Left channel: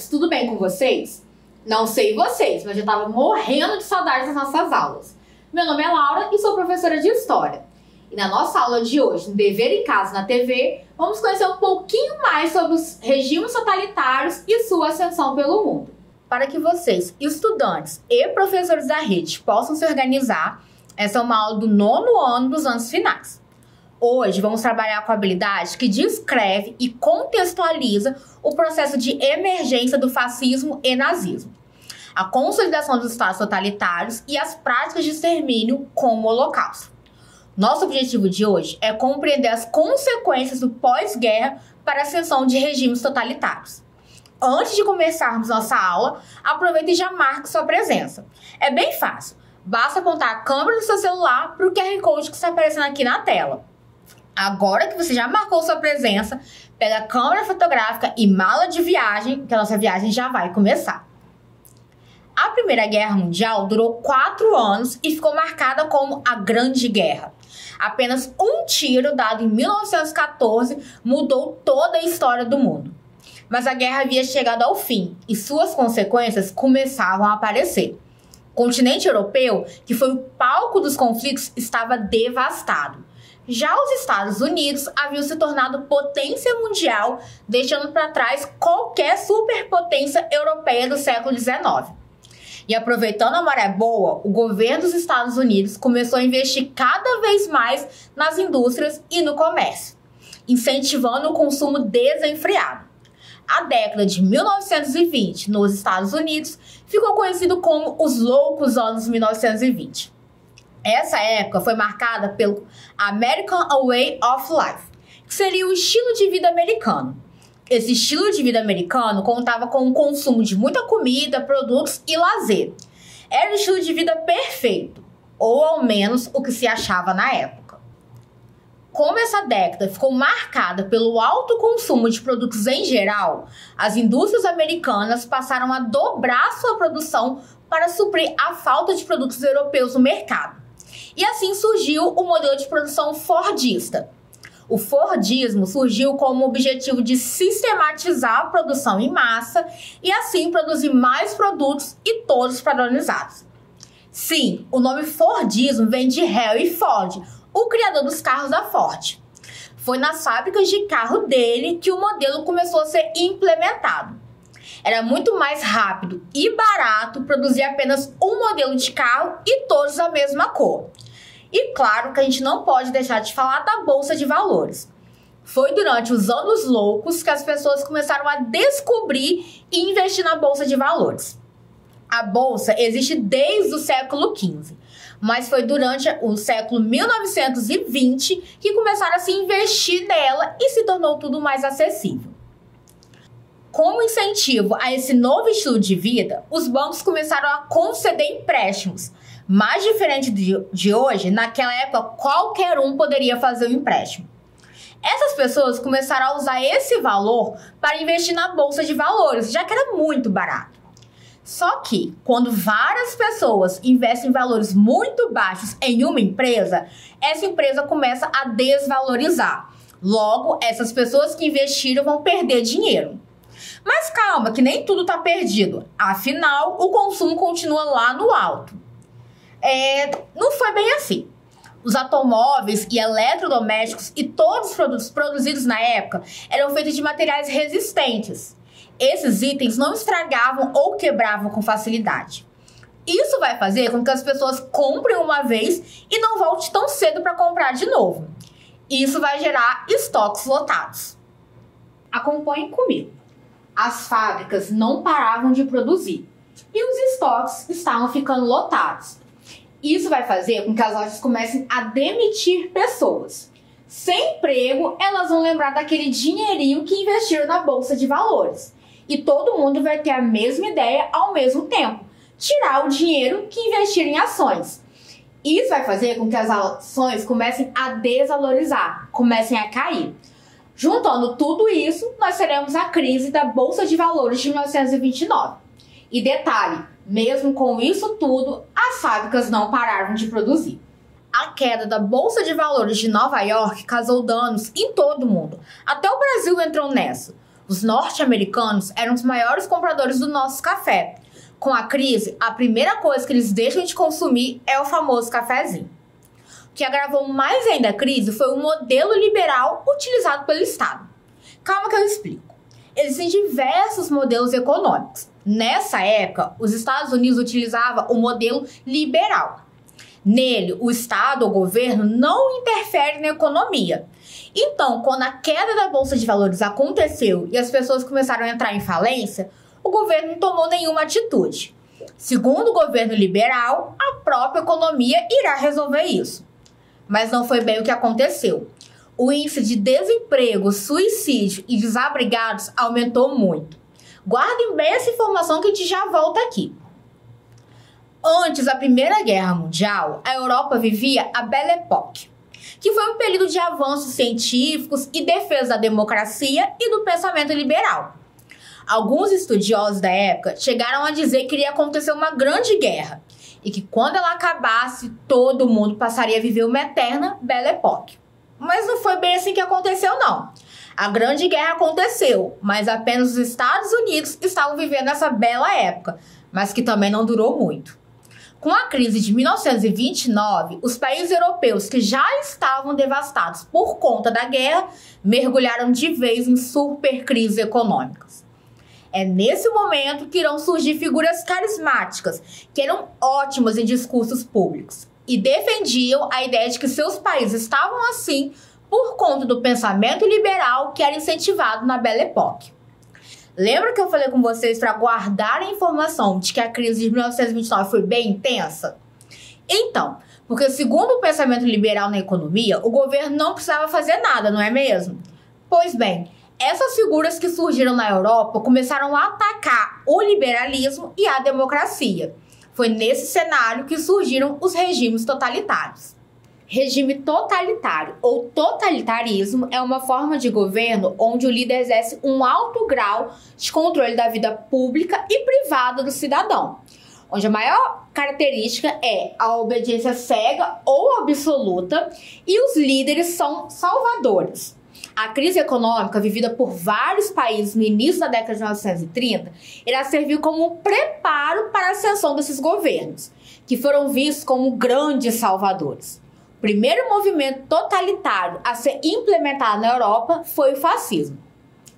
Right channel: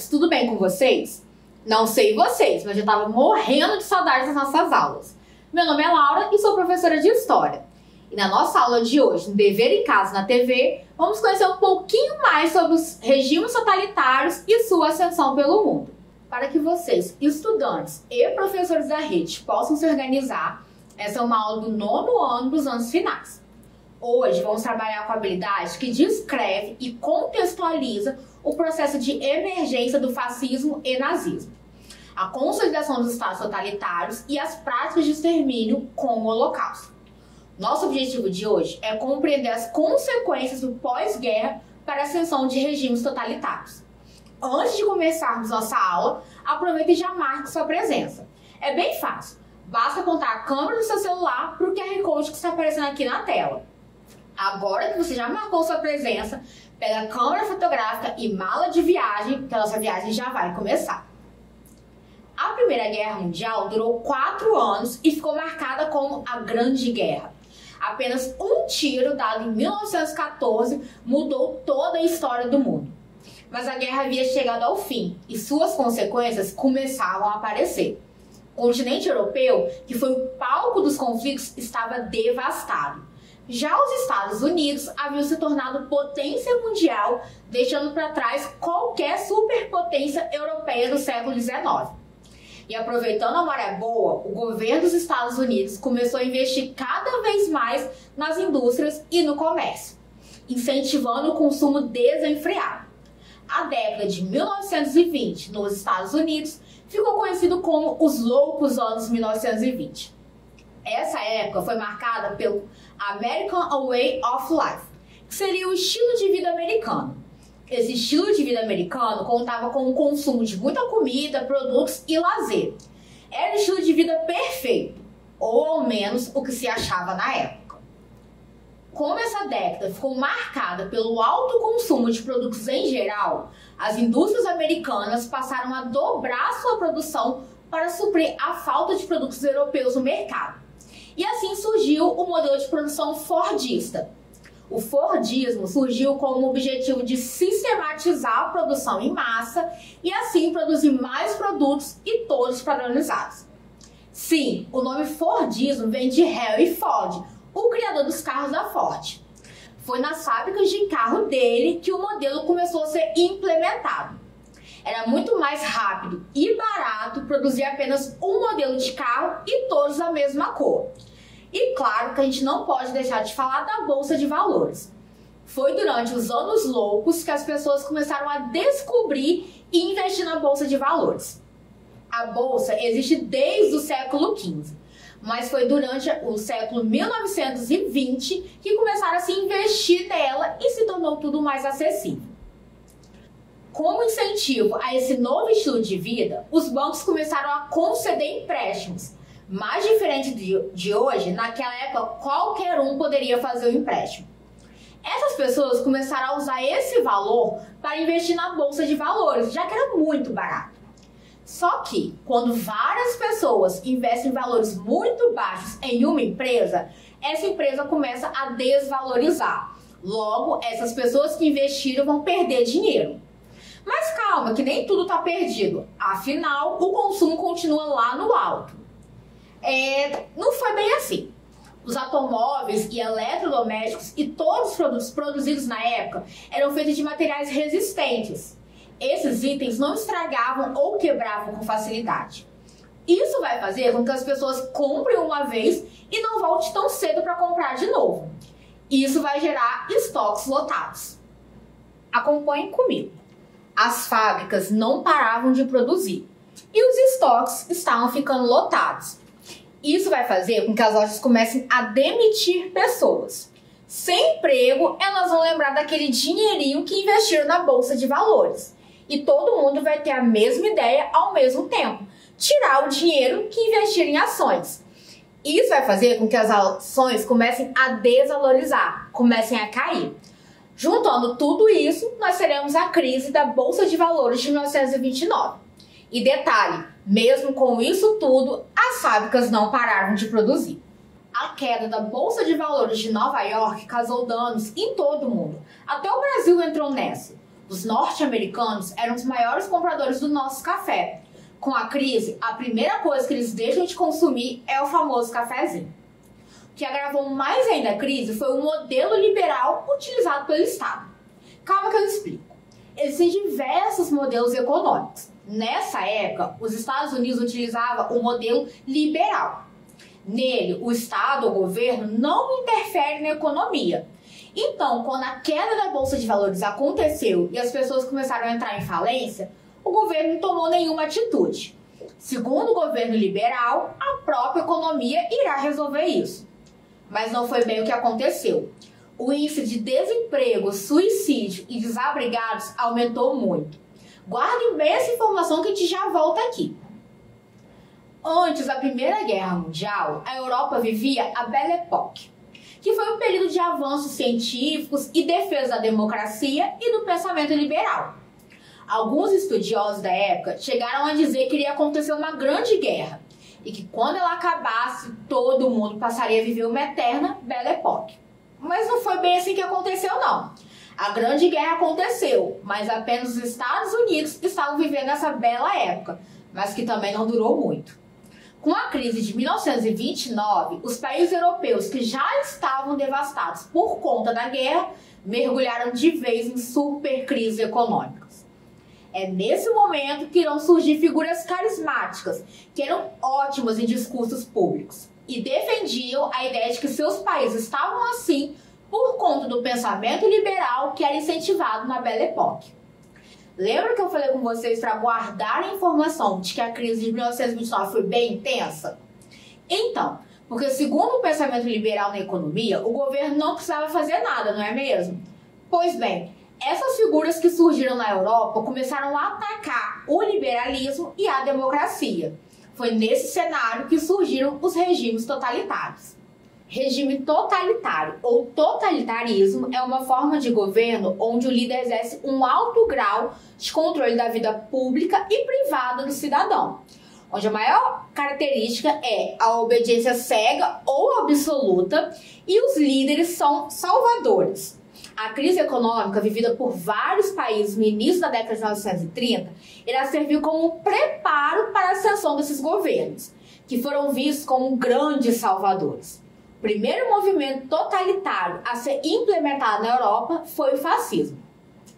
estudantes, tudo bem com vocês? Não sei vocês, mas eu tava morrendo de saudade das nossas aulas. Meu nome é Laura e sou professora de História. E na nossa aula de hoje, no Dever e Casa na TV, vamos conhecer um pouquinho mais sobre os regimes totalitários e sua ascensão pelo mundo. Para que vocês, estudantes e professores da rede, possam se organizar, essa é uma aula do 9º ano dos anos finais. Hoje vamos trabalhar com a habilidade que descreve e contextualiza o processo de emergência do fascismo e nazismo, a consolidação dos estados totalitários e as práticas de extermínio como o Holocausto. Nosso objetivo de hoje é compreender as consequências do pós-guerra para a ascensão de regimes totalitários. Antes de começarmos nossa aula, aproveite e já marque sua presença. É bem fácil, basta apontar a câmera do seu celular para o QR Code que está aparecendo aqui na tela. Agora que você já marcou sua presença, pega a câmera fotográfica e mala de viagem, que a nossa viagem já vai começar. A Primeira Guerra Mundial durou 4 anos e ficou marcada como a Grande Guerra. Apenas um tiro dado em 1914 mudou toda a história do mundo. Mas a guerra havia chegado ao fim e suas consequências começavam a aparecer. O continente europeu, que foi o palco dos conflitos, estava devastado. Já os Estados Unidos haviam se tornado potência mundial, deixando para trás qualquer superpotência europeia do século XIX. E aproveitando a maré boa, o governo dos Estados Unidos começou a investir cada vez mais nas indústrias e no comércio, incentivando o consumo desenfreado. A década de 1920 nos Estados Unidos ficou conhecido como os loucos anos 1920. Essa época foi marcada pelo American Way of Life, que seria o estilo de vida americano. Esse estilo de vida americano contava com o consumo de muita comida, produtos e lazer. Era o estilo de vida perfeito, ou ao menos o que se achava na época. Como essa década ficou marcada pelo alto consumo de produtos em geral, as indústrias americanas passaram a dobrar sua produção para suprir a falta de produtos europeus no mercado. E assim surgiu o modelo de produção fordista. O Fordismo surgiu como objetivo de sistematizar a produção em massa e assim produzir mais produtos e todos padronizados. Sim, o nome Fordismo vem de Henry Ford, o criador dos carros da Ford. Foi nas fábricas de carro dele que o modelo começou a ser implementado. Era muito mais rápido e barato produzir apenas um modelo de carro e todos da mesma cor. E claro que a gente não pode deixar de falar da Bolsa de Valores. Foi durante os anos loucos que as pessoas começaram a descobrir e investir na Bolsa de Valores. A Bolsa existe desde o século XV, mas foi durante o século 1920 que começaram a se investir nela e se tornou tudo mais acessível. Como incentivo a esse novo estilo de vida, os bancos começaram a conceder empréstimos. Mais diferente de hoje, naquela época qualquer um poderia fazer um empréstimo. Essas pessoas começaram a usar esse valor para investir na Bolsa de Valores, já que era muito barato. Só que, quando várias pessoas investem valores muito baixos em uma empresa, essa empresa começa a desvalorizar. Logo, essas pessoas que investiram vão perder dinheiro. Mas calma, que nem tudo está perdido. Afinal, o consumo continua lá no alto. Não foi bem assim. Os automóveis e eletrodomésticos e todos os produtos produzidos na época eram feitos de materiais resistentes. Esses itens não estragavam ou quebravam com facilidade. Isso vai fazer com que as pessoas comprem uma vez e não volte tão cedo para comprar de novo. Isso vai gerar estoques lotados. Acompanhem comigo. As fábricas não paravam de produzir e os estoques estavam ficando lotados. Isso vai fazer com que as lojas comecem a demitir pessoas. Sem emprego, elas vão lembrar daquele dinheirinho que investiram na Bolsa de Valores. E todo mundo vai ter a mesma ideia ao mesmo tempo. Tirar o dinheiro que investiram em ações. Isso vai fazer com que as ações comecem a desvalorizar, comecem a cair. Juntando tudo isso, nós teremos a crise da Bolsa de Valores de 1929. E detalhe, mesmo com isso tudo, as fábricas não pararam de produzir. A queda da Bolsa de Valores de Nova York causou danos em todo o mundo. Até o Brasil entrou nessa. Os norte-americanos eram os maiores compradores do nosso café. Com a crise, a primeira coisa que eles deixam de consumir é o famoso cafezinho. O que agravou mais ainda a crise foi o modelo liberal utilizado pelo Estado. Calma que eu explico. Existem diversos modelos econômicos. Nessa época, os Estados Unidos utilizavam o modelo liberal. Nele, o Estado ou governo não interfere na economia. Então, quando a queda da Bolsa de Valores aconteceu e as pessoas começaram a entrar em falência, o governo não tomou nenhuma atitude. Segundo o governo liberal, a própria economia irá resolver isso. Mas não foi bem o que aconteceu. O índice de desemprego, suicídio e desabrigados aumentou muito. Guardem bem essa informação que a gente já volta aqui. Antes da Primeira Guerra Mundial, a Europa vivia a Belle Époque, que foi um período de avanços científicos e defesa da democracia e do pensamento liberal. Alguns estudiosos da época chegaram a dizer que iria acontecer uma grande guerra e que quando ela acabasse, todo mundo passaria a viver uma eterna Belle Époque. Mas não foi bem assim que aconteceu, não. A Grande Guerra aconteceu, mas apenas os Estados Unidos estavam vivendo essa bela época, mas que também não durou muito. Com a crise de 1929, os países europeus que já estavam devastados por conta da guerra mergulharam de vez em super crises econômicas. É nesse momento que irão surgir figuras carismáticas, que eram ótimas em discursos públicos e defendiam a ideia de que seus países estavam assim por conta do pensamento liberal que era incentivado na Belle Époque. Lembra que eu falei com vocês para guardar a informação de que a crise de 1929 foi bem intensa? Então, porque segundo o pensamento liberal na economia, o governo não precisava fazer nada, não é mesmo? Pois bem, essas figuras que surgiram na Europa começaram a atacar o liberalismo e a democracia. Foi nesse cenário que surgiram os regimes totalitários. Regime totalitário ou totalitarismo é uma forma de governo onde o líder exerce um alto grau de controle da vida pública e privada do cidadão, onde a maior característica é a obediência cega ou absoluta e os líderes são salvadores. A crise econômica vivida por vários países no início da década de 1930 irá servir como um preparo para a ascensão desses governos, que foram vistos como grandes salvadores. O primeiro movimento totalitário a ser implementado na Europa foi o fascismo.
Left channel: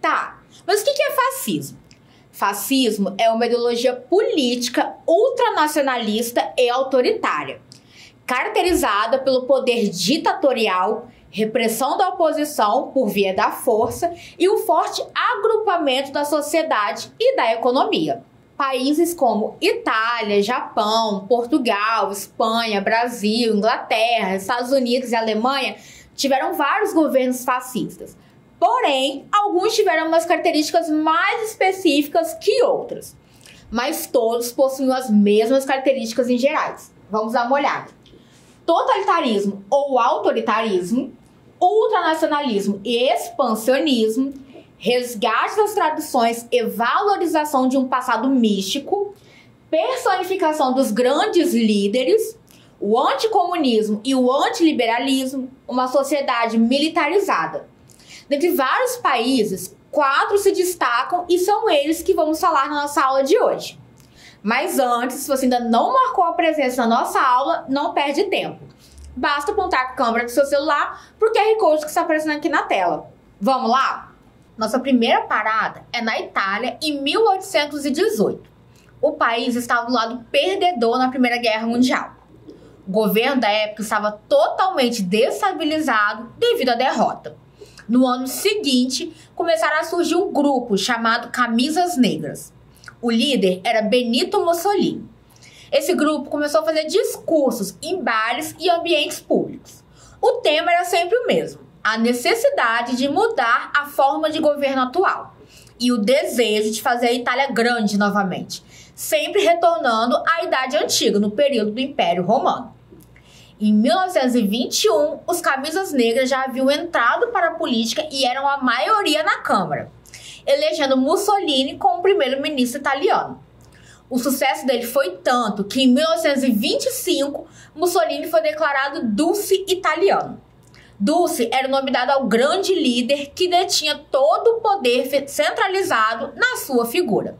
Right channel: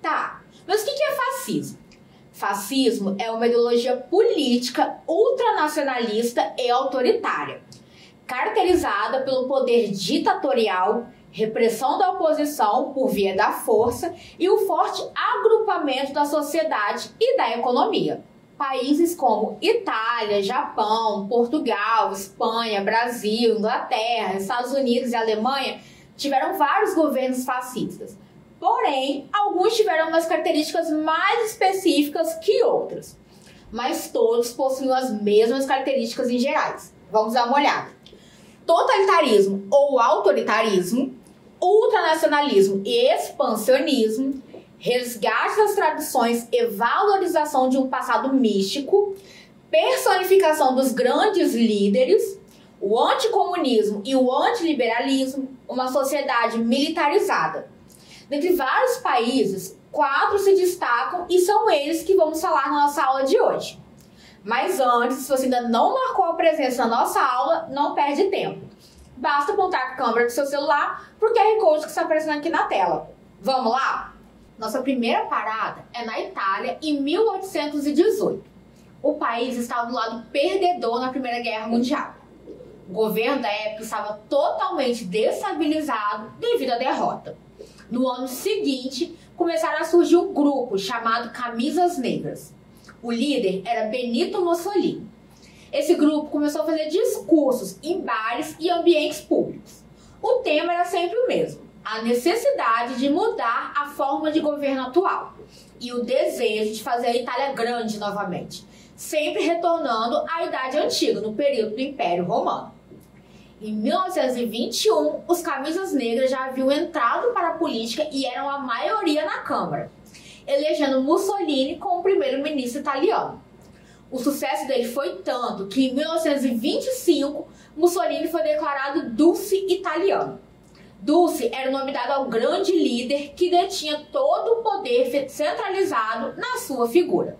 Tá, mas o que é fascismo? Fascismo é uma ideologia política ultranacionalista e autoritária, caracterizada pelo poder ditatorial, repressão da oposição por via da força e o forte agrupamento da sociedade e da economia. Países como Itália, Japão, Portugal, Espanha, Brasil, Inglaterra, Estados Unidos e Alemanha tiveram vários governos fascistas. Porém, alguns tiveram umas características mais específicas que outras. Mas todos possuem as mesmas características em gerais. Vamos dar uma olhada. Totalitarismo ou autoritarismo, ultranacionalismo e expansionismo, resgate das tradições e valorização de um passado místico, personificação dos grandes líderes, o anticomunismo e o antiliberalismo, uma sociedade militarizada. Dentre vários países, 4 se destacam e são eles que vamos falar na nossa aula de hoje. Mas antes, se você ainda não marcou a presença na nossa aula, não perde tempo. Basta apontar a câmera do seu celular para o QR Code que está aparecendo aqui na tela. Vamos lá? Nossa primeira parada é na Itália, em 1818. O país estava do lado perdedor na Primeira Guerra Mundial. O governo da época estava totalmente destabilizado devido à derrota. No ano seguinte, começaram a surgir um grupo chamado Camisas Negras. O líder era Benito Mussolini. Esse grupo começou a fazer discursos em bares e ambientes públicos. O tema era sempre o mesmo: a necessidade de mudar a forma de governo atual e o desejo de fazer a Itália grande novamente, sempre retornando à Idade Antiga, no período do Império Romano. Em 1921, os Camisas Negras já haviam entrado para a política e eram a maioria na Câmara, elegendo Mussolini como primeiro-ministro italiano. O sucesso dele foi tanto que em 1925, Mussolini foi declarado Duce Italiano. Dulce era o nome dado ao grande líder que detinha todo o poder centralizado na sua figura.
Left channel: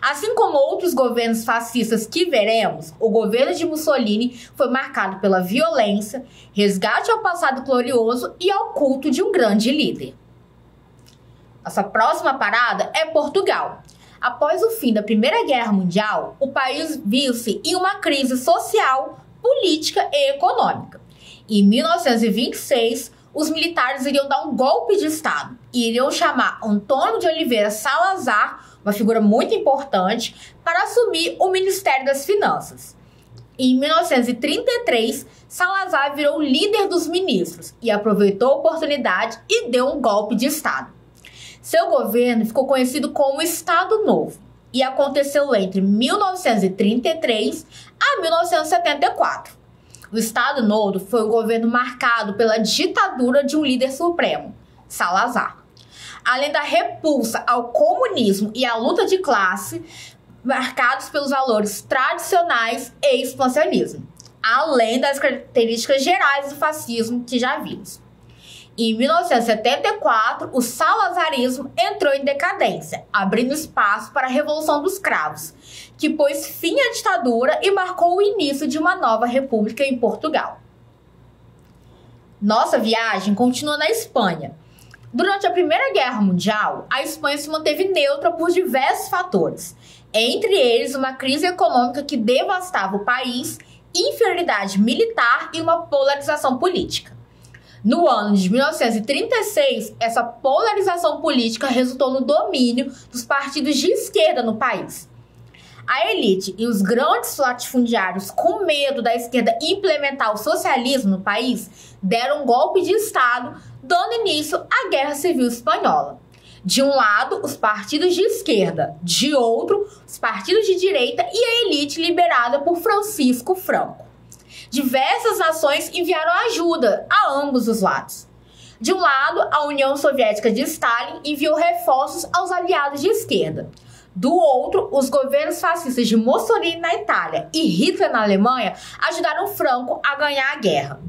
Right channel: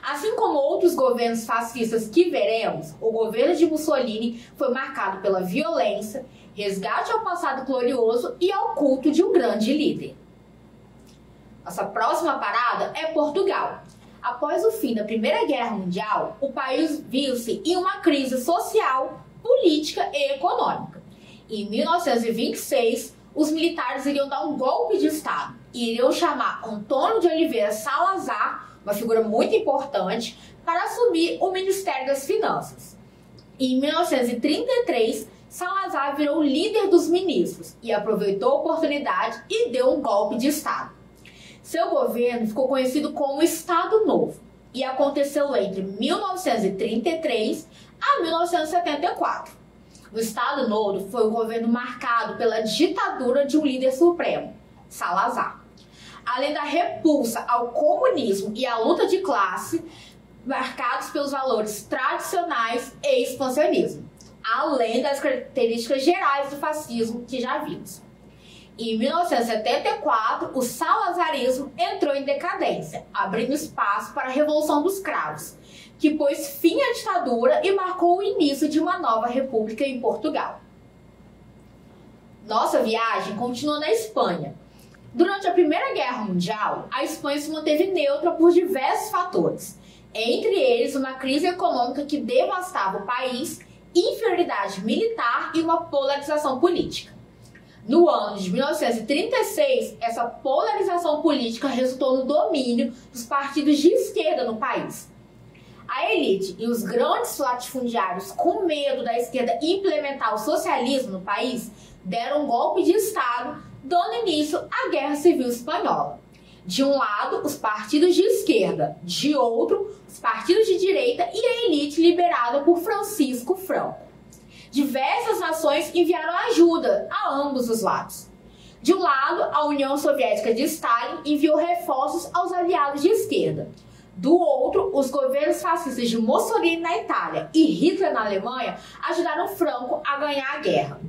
Assim como outros governos fascistas que veremos, o governo de Mussolini foi marcado pela violência, resgate ao passado glorioso e ao culto de um grande líder. Nossa próxima parada é Portugal. Após o fim da Primeira Guerra Mundial, o país viu-se em uma crise social, política e econômica. Em 1926, os militares iriam dar um golpe de Estado e iriam chamar Antônio de Oliveira Salazar, uma figura muito importante, para assumir o Ministério das Finanças. Em 1933, Salazar virou líder dos ministros e aproveitou a oportunidade e deu um golpe de Estado. Seu governo ficou conhecido como Estado Novo e aconteceu entre 1933 a 1974. O Estado Novo foi um governo marcado pela ditadura de um líder supremo, Salazar. Além da repulsa ao comunismo e à luta de classe, marcados pelos valores tradicionais e expansionismo, além das características gerais do fascismo que já vimos. Em 1974, o salazarismo entrou em decadência, abrindo espaço para a Revolução dos Cravos, que pôs fim à ditadura e marcou o início de uma nova república em Portugal. Nossa viagem continua na Espanha. Durante a Primeira Guerra Mundial, a Espanha se manteve neutra por diversos fatores, entre eles uma crise econômica que devastava o país, inferioridade militar e uma polarização política. No ano de 1936, essa polarização política resultou no domínio dos partidos de esquerda no país. A elite e os grandes latifundiários, com medo da esquerda implementar o socialismo no país, deram um golpe de Estado, dando início à Guerra Civil Espanhola. De um lado, os partidos de esquerda, de outro, os partidos de direita e a elite liderada por Francisco Franco. Diversas nações enviaram ajuda a ambos os lados. De um lado, a União Soviética de Stalin enviou reforços aos aliados de esquerda. Do outro, os governos fascistas de Mussolini na Itália e Hitler na Alemanha ajudaram Franco a ganhar a guerra.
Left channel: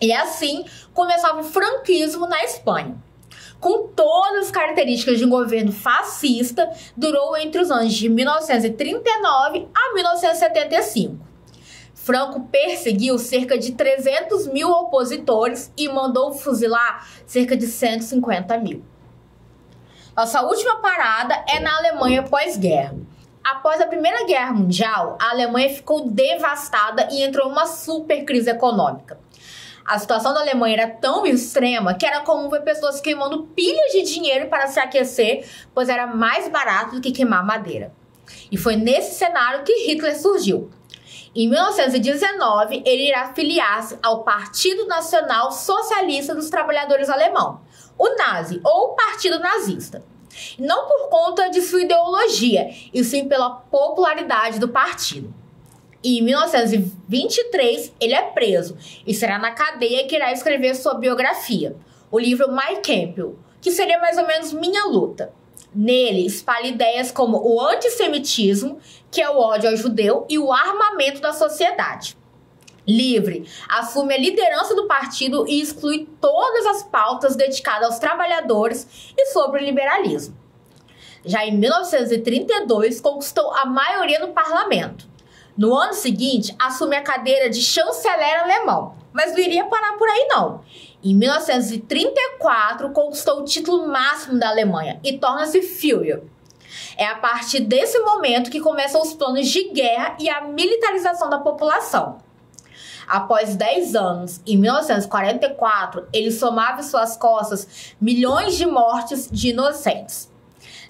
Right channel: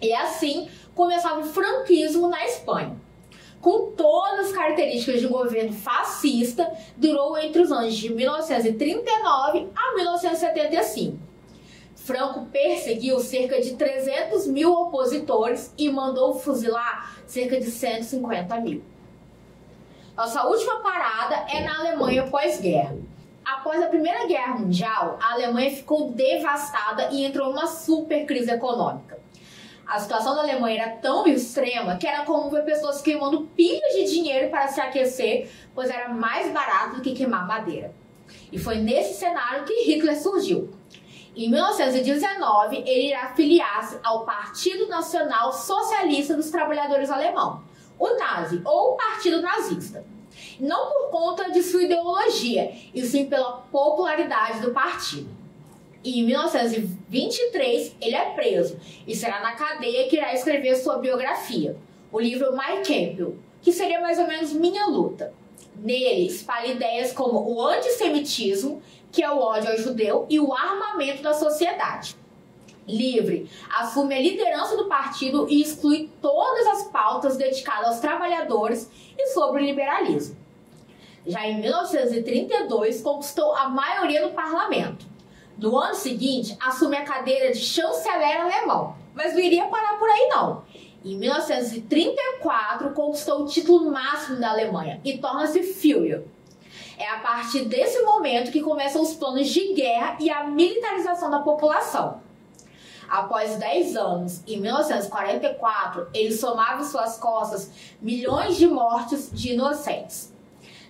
E assim começava o franquismo na Espanha. Com todas as características de um governo fascista, durou entre os anos de 1939 a 1975. Franco perseguiu cerca de 300 mil opositores e mandou fuzilar cerca de 150 mil. Nossa última parada é na Alemanha pós-guerra. Após a Primeira Guerra Mundial, a Alemanha ficou devastada e entrou em uma super crise econômica. A situação da Alemanha era tão extrema que era comum ver pessoas queimando pilhas de dinheiro para se aquecer, pois era mais barato do que queimar madeira. E foi nesse cenário que Hitler surgiu. Em 1919, ele irá filiar-se ao Partido Nacional Socialista dos Trabalhadores Alemão, o Nazi, ou Partido Nazista. Não por conta de sua ideologia, e sim pela popularidade do partido. Em 1923, ele é preso e será na cadeia que irá escrever sua biografia, o livro Mein Kampf, que seria mais ou menos Minha Luta. Nele, espalha ideias como o antissemitismo, que é o ódio ao judeu, e o armamento da sociedade. Livre, assume a liderança do partido e exclui todas as pautas dedicadas aos trabalhadores e sobre o liberalismo. Já em 1932, conquistou a maioria no parlamento. No ano seguinte, assume a cadeira de chanceler alemão, mas não iria parar por aí não. Em 1934, conquistou o título máximo da Alemanha e torna-se Führer. É a partir desse momento que começam os planos de guerra e a militarização da população. Após 10 anos, em 1944, ele somava em suas costas milhões de mortes de inocentes,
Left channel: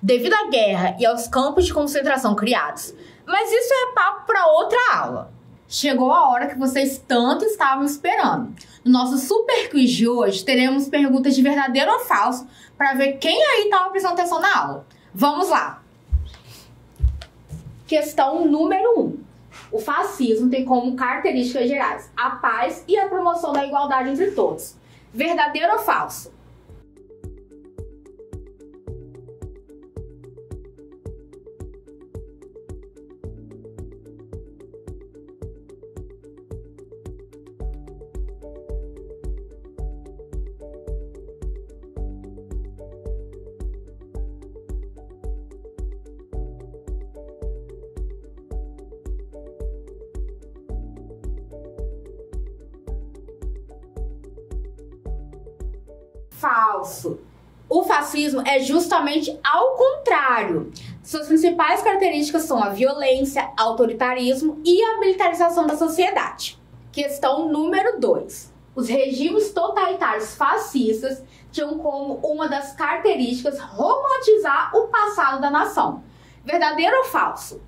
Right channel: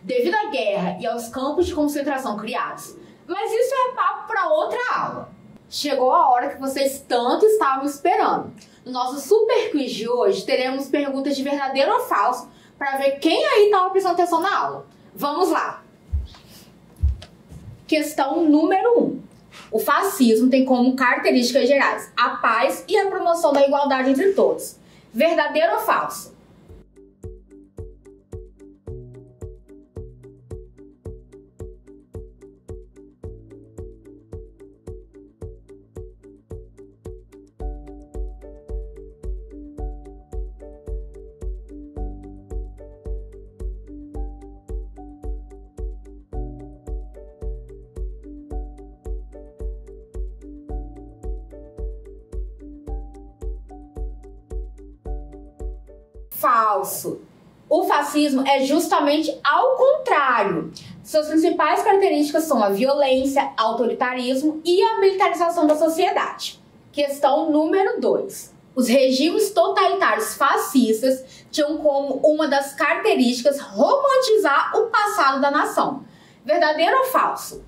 devido à guerra e aos campos de concentração criados. Mas isso é papo para outra aula. Chegou a hora que vocês tanto estavam esperando. No nosso super quiz de hoje, teremos perguntas de verdadeiro ou falso para ver quem aí estava prestando atenção na aula. Vamos lá! Questão número 1. O fascismo tem como características gerais a paz e a promoção da igualdade entre todos. Verdadeiro ou falso? Falso. O fascismo é justamente ao contrário. Suas principais características são a violência, autoritarismo e a militarização da sociedade. Questão número 2. Os regimes totalitários fascistas tinham como uma das características romantizar o passado da nação. Verdadeiro ou falso?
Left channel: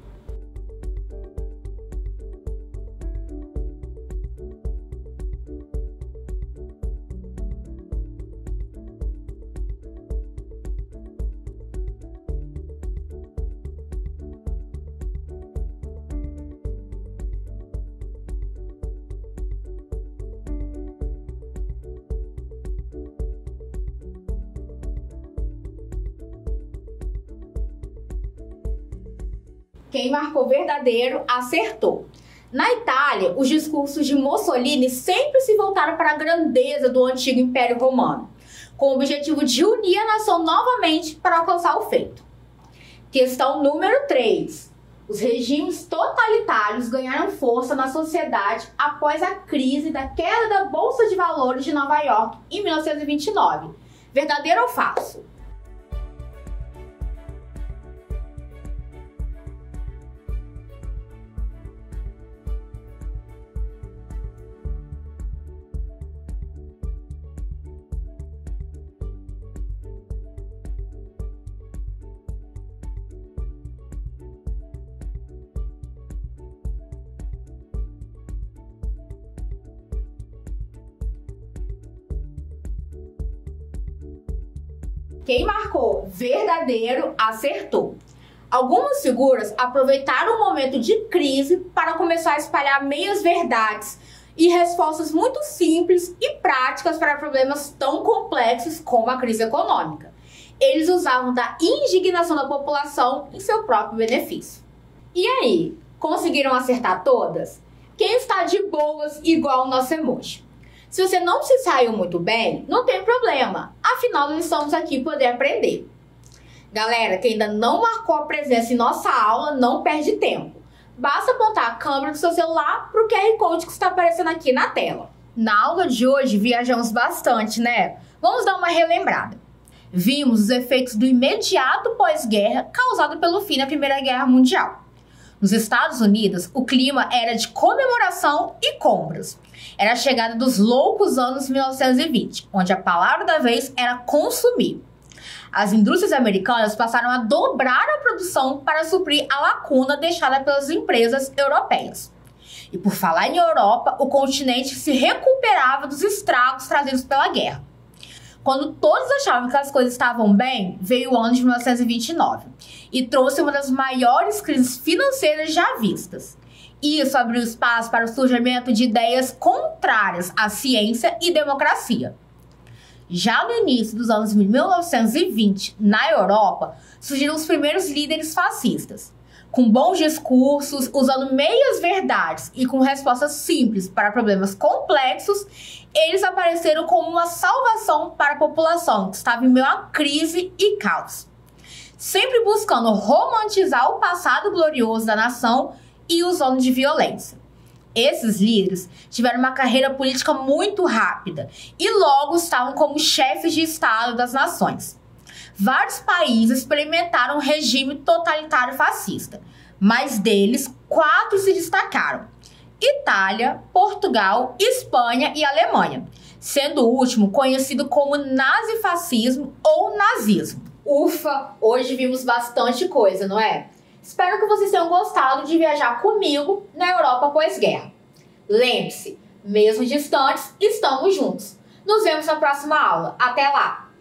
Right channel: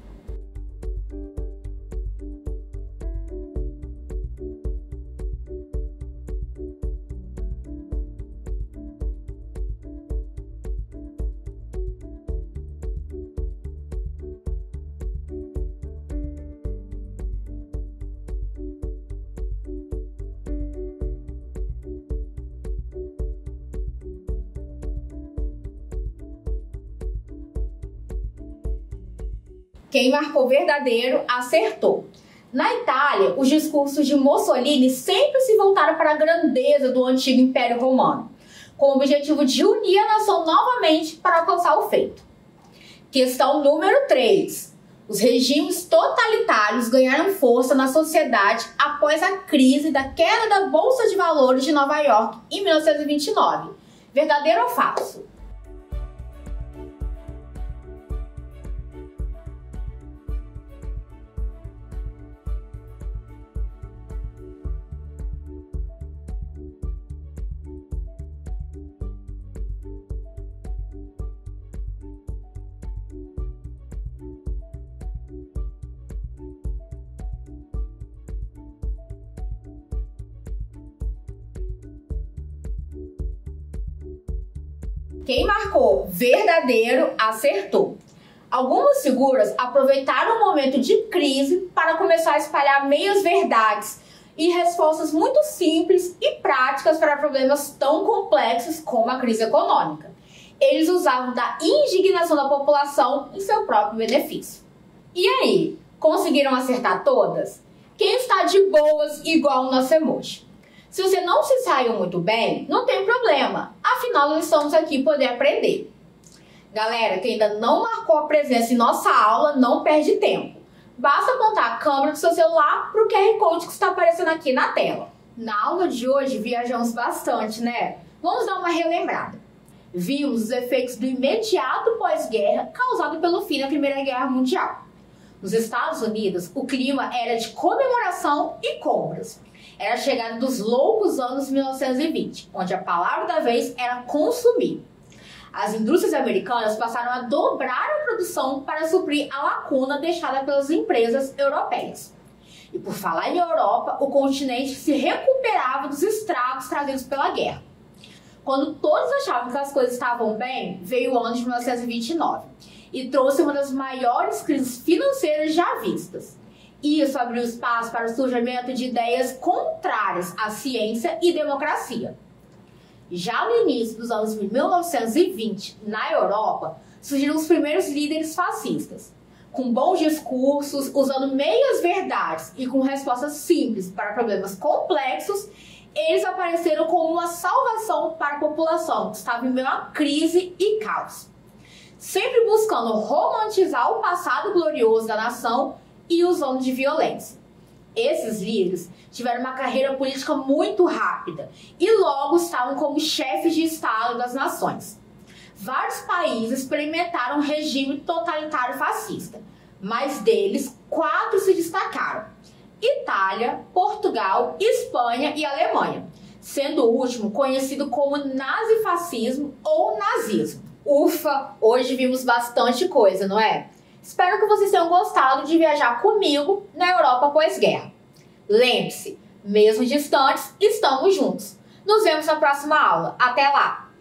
Quem marcou verdadeiro acertou. Na Itália, os discursos de Mussolini sempre se voltaram para a grandeza do antigo Império Romano, com o objetivo de unir a nação novamente para alcançar o feito. Questão número 3. Os regimes totalitários ganharam força na sociedade após a crise da queda da Bolsa de Valores de Nova York em 1929. Verdadeiro ou falso? Quem marcou verdadeiro acertou. Algumas figuras aproveitaram o momento de crise para começar a espalhar meias-verdades e respostas muito simples e práticas para problemas tão complexos como a crise econômica. Eles usavam da indignação da população em seu próprio benefício. E aí, conseguiram acertar todas? Quem está de boas igual o nosso emoji? Se você não se saiu muito bem, não tem problema. Afinal, nós estamos aqui para poder aprender. Galera, que ainda não marcou a presença em nossa aula, não perde tempo. Basta apontar a câmera do seu celular para o QR Code que está aparecendo aqui na tela. Na aula de hoje, viajamos bastante, né? Vamos dar uma relembrada. Vimos os efeitos do imediato pós-guerra causado pelo fim da Primeira Guerra Mundial. Nos Estados Unidos, o clima era de comemoração e compras. Era a chegada dos loucos anos 1920, onde a palavra da vez era consumir. As indústrias americanas passaram a dobrar a produção para suprir a lacuna deixada pelas empresas europeias. E por falar em Europa, o continente se recuperava dos estragos trazidos pela guerra. Quando todos achavam que as coisas estavam bem, veio o ano de 1929 e trouxe uma das maiores crises financeiras já vistas. Isso abriu espaço para o surgimento de ideias contrárias à ciência e democracia. Já no início dos anos 1920, na Europa, surgiram os primeiros líderes fascistas. Com bons discursos, usando meias-verdades e com respostas simples para problemas complexos, eles apareceram como uma salvação para a população que estava em meio a crise e caos. Sempre buscando romantizar o passado glorioso da nação e usando de violência. Esses líderes tiveram uma carreira política muito rápida e logo estavam como chefes de Estado das nações. Vários países experimentaram um regime totalitário fascista, mas deles 4 se destacaram: Itália, Portugal, Espanha e Alemanha, sendo o último conhecido como nazifascismo ou nazismo. Ufa, hoje vimos bastante coisa, não é? Espero que vocês tenham gostado de viajar comigo na Europa pós-guerra. Lembre-se, mesmo distantes, estamos juntos. Nos vemos na próxima aula. Até lá!